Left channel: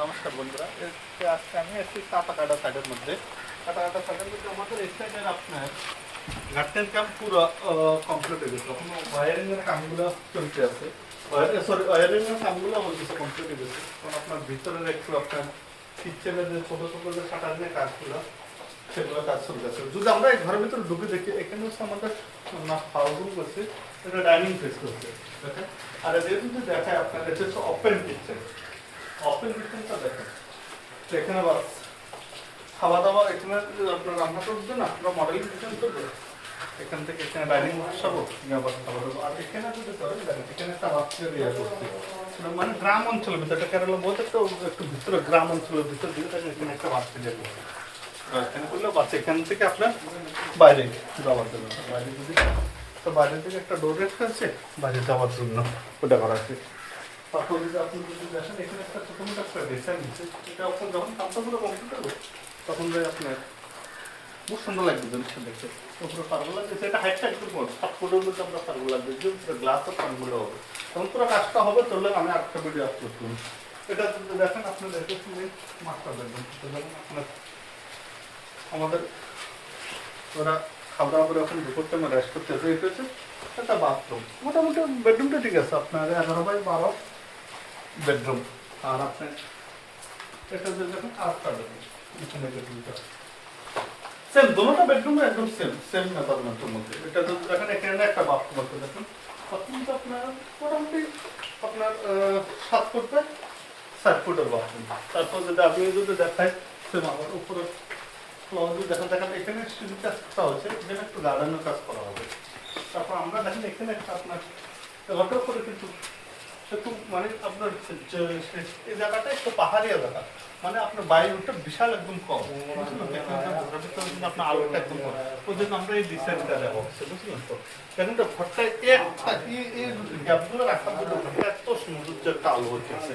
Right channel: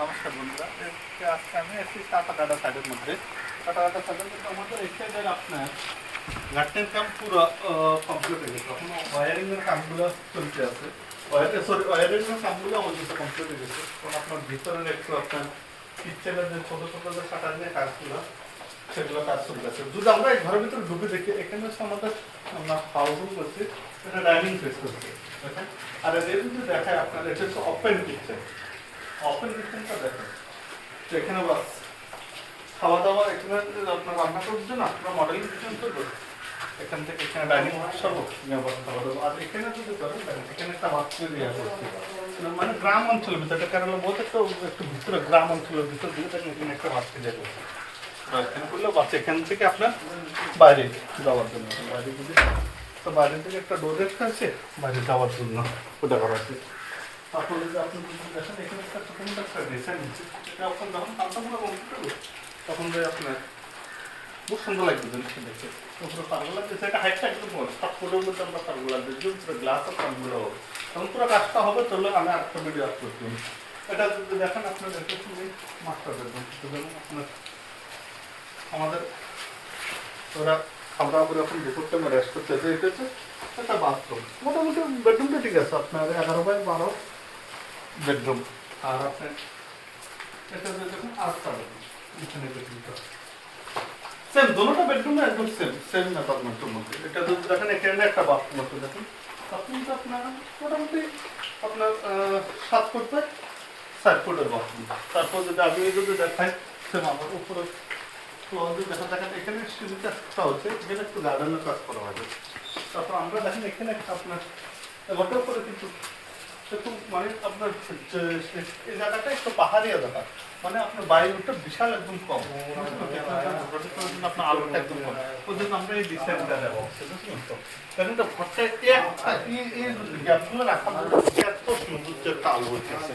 নমস্কার বন্ধুরা, আজকে আমি একটি কাটা সাইডের মধ্যে সাইডের মধ্যে আমাদের এক্সটেন্ডের আপনার গার্ডেন ক্যাম্প পুরো কমপ্লিট হয়ে গেছে। এখন ওয়ারিংয়ের কামগুলো চলতে আছে। ওয়ারিংয়ের কামগুলো আমার কিছু কমপ্লিট হয়ে গেছে। কারণ আপনার ভিতরের একটু আপনার কিচেনের যে ছোটো ছোটো যে কাটারিনের কাজগুলো সেগুলো কাজ চলতে আছে। যদি আমরা এই ঘরের ভিতরে ঢুকে দেখি, এখানে হচ্ছে আমাদের আমরা হাউসিং করছি, এটা ডাইনিং ফেস করছে, দেখেন। আর এদের যদি দেখায় আপনার এটা হচ্ছে ওপেন কিচেন। ওপেন কিচেনটা দেখেন, এখানে বাস খাওয়া দাওয়া, এখানে আপনার রান্না করার জন্য আপনার মডেলিং কিচেন করবে। এখান থেকে এখানে ডাইনিং বসাবো, ব্যবস্থা করবো। আর এখানে যদি করেন দেখেন, এখানে একটা বাচ্চা দিয়ে করছি, মানে গ্রাম অঞ্চলের ভিতরে, কেরালা বলতে একটু ভিতরে গ্রাম অঞ্চলের ভিতর দিয়ে দেখেন এখানে একটা বাচ্চা দিয়ে করছে। এখানে করলে বাচ্চা এখান থেকে আপনার বাইরে যাওয়ার জন্য, বাইরে যদি তো বাইরে থেকে একটা ডোর রেখে আছে বাইরে যাওয়ার জন্য, ওটা করা আছে। তারপর যদি আপনি যদি দেখেন এখানে একটা ছোটো মোটো একটা ডিজাইন দিচ্ছে, এটা আপনার যখন কামটাগুলো কমপ্লিট হবে তখন আপনার খুব সুন্দর লাগবে জিনিসটা দেখে। পুরো পারগুলো লাগছে, এটা হাইটটা একদম বড়, 7 ফুটের মধ্যে আমরা পারগুলো লাগবে, পুরো গ্লাসের পারগুলো হবে। তখন পুরো কাজটা হবে, চললে আমি আরেকটা ভিডিও আপলোড করব। এটা যদি দেখেন আপনার দেখে শুনে মাস্টার বেডরুম, যেমন আপনার আমাদের ওরা খাওয়া দাওয়া করে এখন দুপুর টাইমে রেস্ট করতে এসে এসেছে। একটা বাথরুম, মোটামুটি বেডরুমটা ঠিক আছে আপনার 11x12 বেডরুম। আর আপনার এটা যে দেখুন আরেকটা বেডরুম, এখানে বেডরুমটা সেম, দুটোটা বেডরুম একদম সেম মেজারমেন্টের মধ্যে। এটা যদি দেখেন এখানে একটা বাথরুম আছে, দেখুন বাথরুমটা আপনার মোটামুটি আপনার 7 ফুট বাই 4 ফুটের বাথরুম। তারপর যদি আপনি যদি দেখায় সেম আমার উপরে দেখেন এখানে স্টিল কাজটা হচ্ছে, এখানে একটু গার্ডেনের কাজ করা হবে। তারপর আমরা দেখেন এখানে একটা আপনার ওটার উপরে কিন্তু একটু মানে আপনার এই জায়গাটা একটু পাহাড়িয়া জায়গা, মানে আপনার বায়ুটা বিশাল একদম কম, আপনার আলোটা একদম কম, ওই জন্য আমরা এই ডিসাইনটা দেবো, বুঝলেন তো? দেখেন তো ঘরটা একটা এই গ্যাপগুলো রাখা এত সৌন্দর্য একটা আলো হচ্ছে।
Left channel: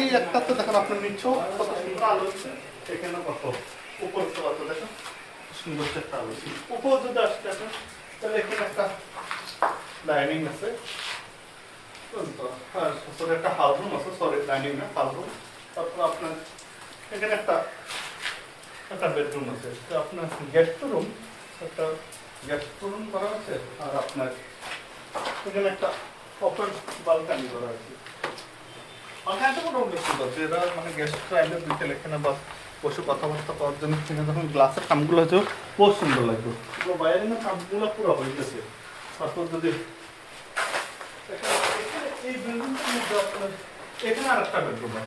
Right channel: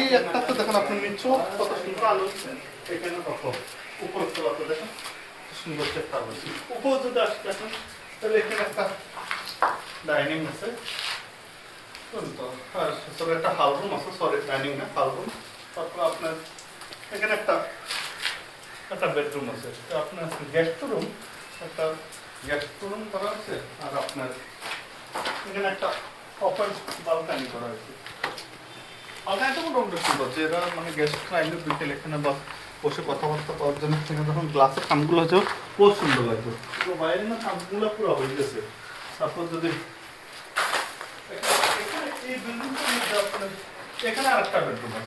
এই একটা তো দেখেন আপনার নিচেও কত সুন্দর আলো হচ্ছে, এখানে কত উপরের তলাতে দেখেন সুন্দর একটা আলো হচ্ছে। উপর যদি আসতে দেখেন তাহলে এখানে একটা ডাইনিং আছে, একটা হাউস রুম আছে, সরি ডাইনিং না হাউস রুম। তারপর আপনার এখানে একটা বেডরুম আছে, আপনার গেস্ট রুম, একটা গেস্ট রুম করা আছে। আর আপনার এখানে একটা ওপেন বালকানি করা হয়েছে। বালকানিটা মোটামুটি ঠিক আছে, এরা মানে গেস্টরা আইলে বিকেল এখানে বসে কথাবার্তা করার জন্য যখন গ্লাসের কামগুলো আছে বহুত সুন্দর লাগবে। তো বাইরে না কামগুলো পুরো হয়ে গেছে। তারপর যদি এই বিল্ডিংটার মধ্যে আপনার এখানে আরেকটা বেডরুম আছে।